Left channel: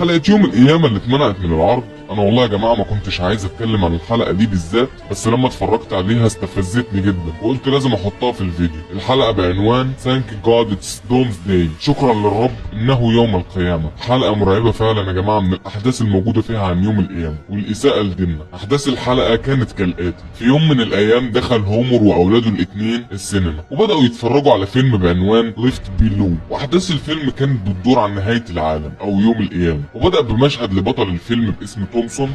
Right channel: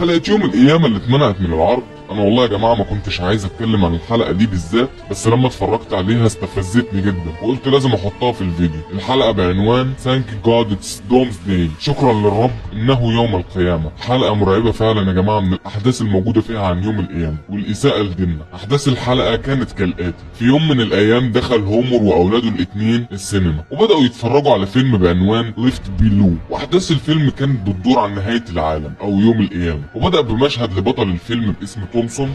حلقة يوم القيامة اللي اتمنعت من العرض، انا والله يا جماعة ما كنتش عايز اتكلم عن الحلقة دي بالذات، بس لما اتفرجت عليها استفزتني جدا وقلت لازم احطها في الفيديو. الحلقة بعنوان Thank God It's Doomsday، شكرا للرب انه يوم القيامة. حلقة مرعبة فعلا يا جماعة من الاحداث الموجودة فيها عن يوم القيامة والاساءة لديننا. احداث الحلقة كانت كالاتي: في يوم من الايام دخل هومر واولاده الاثنين السينما وبدأوا يتفرجوا على فيلم بعنوان ليفت بيلو، واحداث الفيلم كانت بتدور عن نهاية العالم او يوم القيامة. وبدأ بمشهد لبطل الفيلم باسم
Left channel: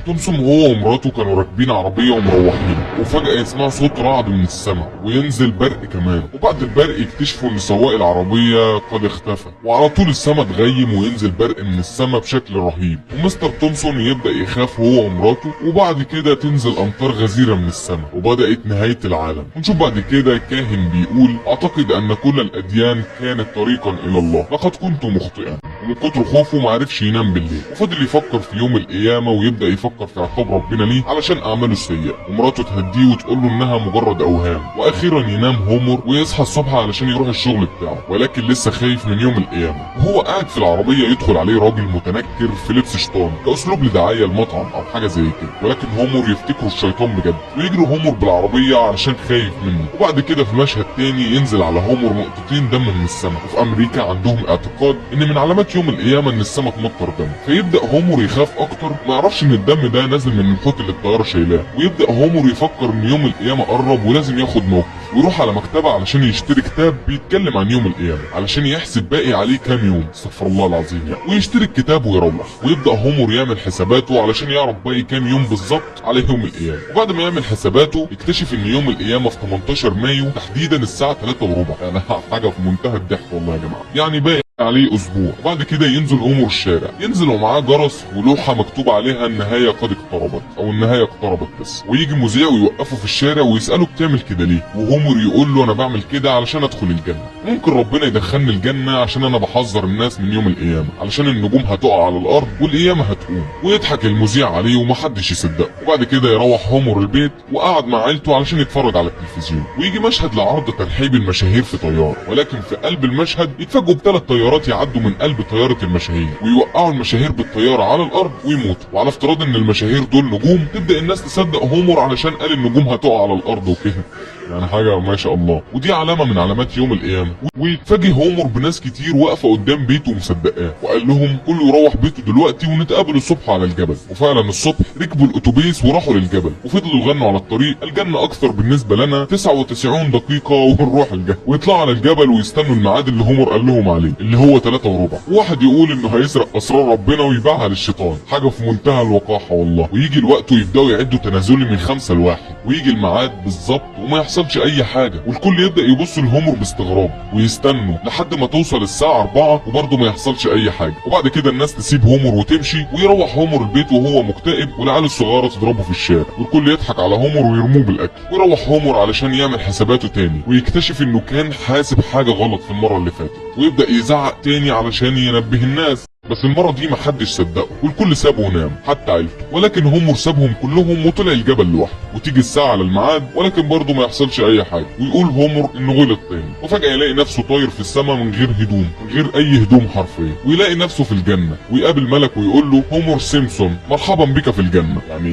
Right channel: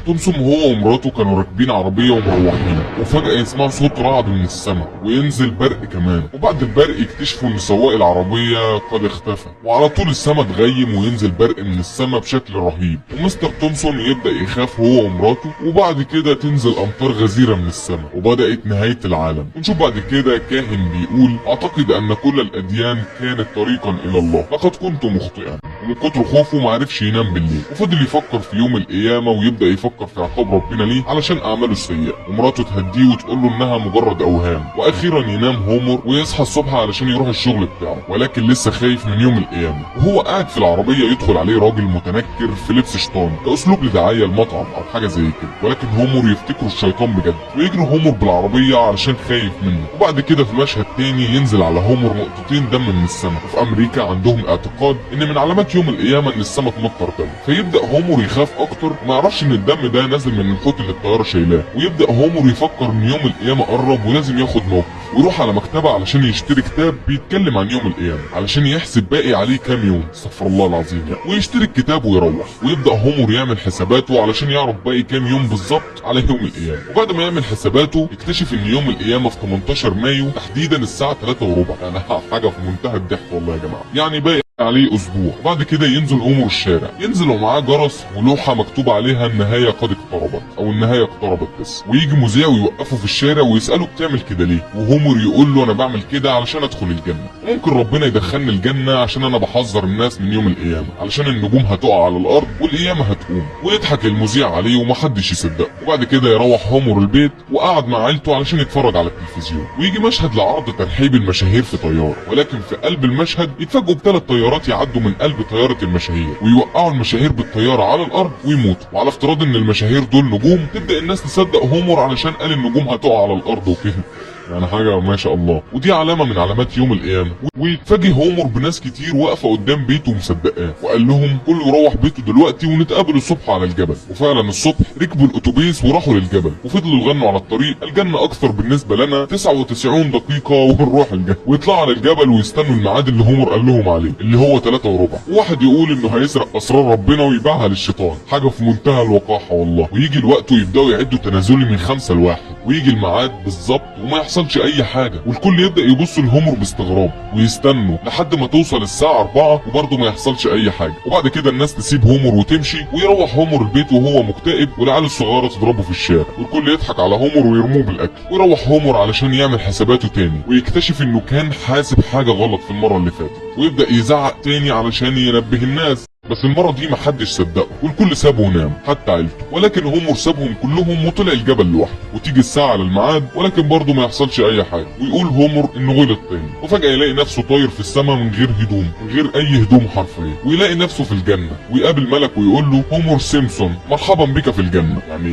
تومسون هو ومراته كانوا راكبين عربية ومروحين، وفجأة يسمعوا صوت رعد من السماء وينزل برق كمان، وبعد البرق يكتشفوا ان سواق العربية قد اختفى، وعلى طول السماء تغيم وينزل برق من السماء بشكل رهيب، ومستر تومسون يبدأ يخاف هو ومراته، وبعد كده تنزل امطار غزيرة من السماء وبدأت نهاية العالم. ونشوف بعد كده كاهن بيقول: اعتقد ان كل الاديان كانت طريقا الى الله، لقد كنت مخطئا. ومن كتر خوفه معرفش ينام بالليل، وفضل يفكر في يوم القيامة ويبدأ يفكر في عقاب ربنا ليه علشان اعماله السيئة، ومراته تهديه وتقول له انها مجرد اوهام. واخيرا ينام هومر ويصحى الصبح علشان يروح الشغل بتاعه، ولكن لسه خايف من يوم القيامة. وهو قاعد في العربية يدخل عليه راجل متنكر في لبس شيطان كاسلوب لدعاية المطعم او حاجة زي كده، ولكن هومر يفتكره الشيطان بجد، ويجري هومر بالعربية علشان خايف منه. وبعد كده في مشهد تاني ينزل على هومر نقطتين دم من السماء. وفي امريكا عندهم اعتقاد ان من علامات يوم القيامة ان السماء تمطر دم، فيبدأ هومر يخاف اكتر وما يعرفش ان الدم ده نازل من الخيط اللي الطيارة شايلاه. ويبدأ هومر يفكر ان يوم القيامة قرب ولازم ياخد موقف، ويروح على مكتبة علشان يشتري كتاب بيتكلم عن يوم القيامة علشان يحسب باقي عليه كام يوم، استغفر الله العظيم يعني. ويشتري الكتاب ويروح، ويبدأ هومر يعمل حساباته علشان يعرف باقي كام يوم بالظبط على يوم القيامة. وبعد ما يعمل حساباته يكتشف ان يوم القيامة في 18 مايو تحديدا الساعة 3:15. يعني حاجة في منتهى الضحك والله يا جماعة، يعني باقي عليه اسبوع. وبعد كده ينزل هومر الشارع، ينزل ومعاه جرس ولوحة مكتوب عليها النهاية قد اقتربت او النهاية اقتربت بس. ويجي مذيع ويوقفه في الشارع ويسأله بتعمل كده ليه؟ وهومر يقول له: انا بعمل كده علشان ادخل الجنة، ممكن ربنا يدخلني الجنة عشان انا بحذر الناس من يوم القيامة، علشان النجوم هتقع على الارض والقيامة هتقوم. ويضحك المذيع عليه ومحدش يصدقه. وبعد كده يروح هومر البيت وقعد مع عيلته علشان يتفرج على التلفزيون. ويجي مشهد لعرض ترحيب المشاهير في طيارة، ولكن في قلب المشهد يتفاجئوا ب3 طيارات يعدوا من قلب طيارة المشاهير ويوقعوا المشاهير بالطيارة على الارض ويموتوا. وعلى افتراض ان المشاهير دول نجوم، تبدأ الناس تصدق هومر علشان قال النجوم هتقع على الارض وكده، يعني حاجة ما شاء الله. ودي علامة من علامات يوم القيامة. ويتفاجئ هومر بناس كتير واقفة قدام بيته ومصدقاه، وقال لهم كله يروح بيته دلوقتي ونتقابل الصبح على الجبل. وفعلا الصبح ركبوا الاتوبيس وراحوا للجبل، وفضلوا يغنوا على الطريق: الجنة اكثر بالنسبة لنا 99 دقيقة ونروح الجنة. ويطلعوا على الجبل ويستنوا الميعاد اللي هومر قال لهم عليه اللي هو 3:15. وواحد يقول انه هيسرق اسرار ربنا ويبيعها للشيطان، حاجة في منتهى الوقاحة والله. ويجي الوقت ويبداوا يعدوا تنازلي من 5 ل1، ويجي الميعاد بالظبط وما يحصلش اي حاجة، والكل يبدأ يبص لهومر باستغراب ويستنوا لحد ما توصل الساعة 4 وبرضه ما يحصلش اي حاجة. وبعد كده الناس تسيب هومر وتمشي، ويروح هومر البيت وهو مكتئب والعيال الصغيرة تضربه في الشارع، والكل يضحك على هومر ويرموه بالاكل. ويروح هومر علشان يعمل حساباته تاني ويكتشف انه كان حاسب حاجة غلط في المرة اللي فاتت، ويبدأ يزعق تاني علشان ينبه الناس، بس المرة دي محدش صدقه والكل سابه ونام حتى عيلته. ولكن هومر سابهم كلهم وطلع الجبل لوحده. وتيجي الساعة على الميعاد ولكن برضه ما يحصلش اي حاجة، ويقول هومر انه غلط تاني. وفجأة يلاقي نفسه طاير في السماء من غير هدوم، من غير اي هدوم حرفيا، ويلاقي نفسه في الجنة. ويقابل ملك ويقول له: هومر سيمبسون مرحبا بك في الجنة. يعني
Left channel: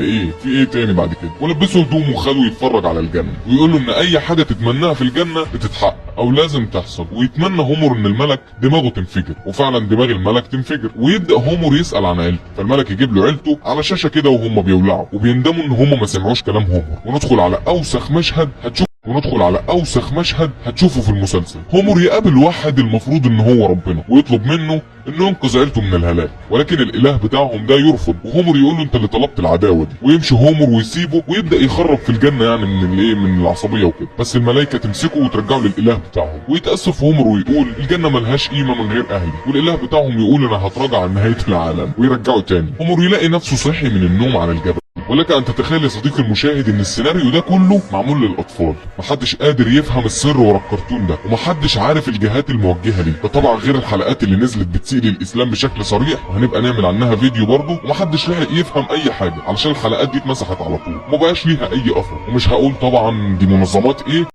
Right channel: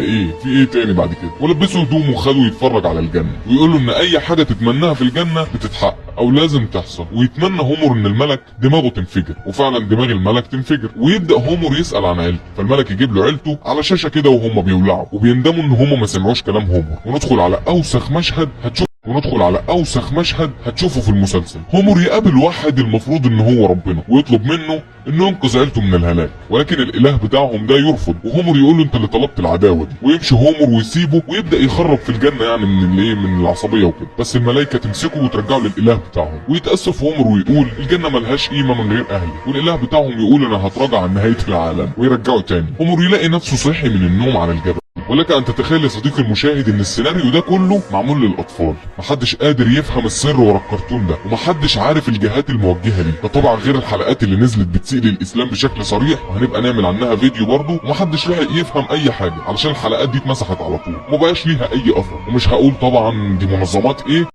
ايه في ايه تاني بعد كده؟ ولبسه هدوم وخده يتفرج على الجنة، ويقول له ان اي حاجة تتمناها في الجنة بتتحقق او لازم تحصل. ويتمنى هومر ان الملك دماغه تنفجر، وفعلا دماغ الملك تنفجر. ويبدأ هومر يسأل عن عيلته، فالملك يجيب له عيلته على شاشة كده وهم بيولعوا وبيندموا ان هم ما سمعوش كلام هومر. وندخل على اوسخ مشهد هتشوفه في المسلسل. هومر يقابل واحد المفروض ان هو ربنا ويطلب منه انه ينقذ عيلته من الهلاك، ولكن الاله بتاعهم ده يرفض، وهومر يقول له: انت اللي طلبت العداوه دي. ويمشي هومر ويسيبه ويبدا يخرب في الجنه، يعني من العصبيه وكده. بس الملائكه تمسكه وترجعه للاله بتاعهم. ويتاسف هومر ويقول: الجنه ملهاش قيمه من غير اهلي. والاله بتاعهم يقول: انا هتراجع عن نهايه العالم، ويرجعه تاني. هومر يلاقي نفسه صاحي من النوم على الجبل. ولك ان تتخيل يا صديقي المشاهد ان السيناريو ده كله معمول للاطفال، محدش قادر يفهم السر ورا الكرتون ده، ومحدش عارف الجهات الموجهه ليه. ده طبعا غير الحلقات اللي نزلت بتسيء للاسلام بشكل صريح، وهنبقى نعمل عنها فيديو برضه، ومحدش لاحق يفهم اي حاجه علشان الحلقات دي اتمسحت على طول، ومبقاش ليها اي اثر. ومش هقول طبعا دي منظمات ايه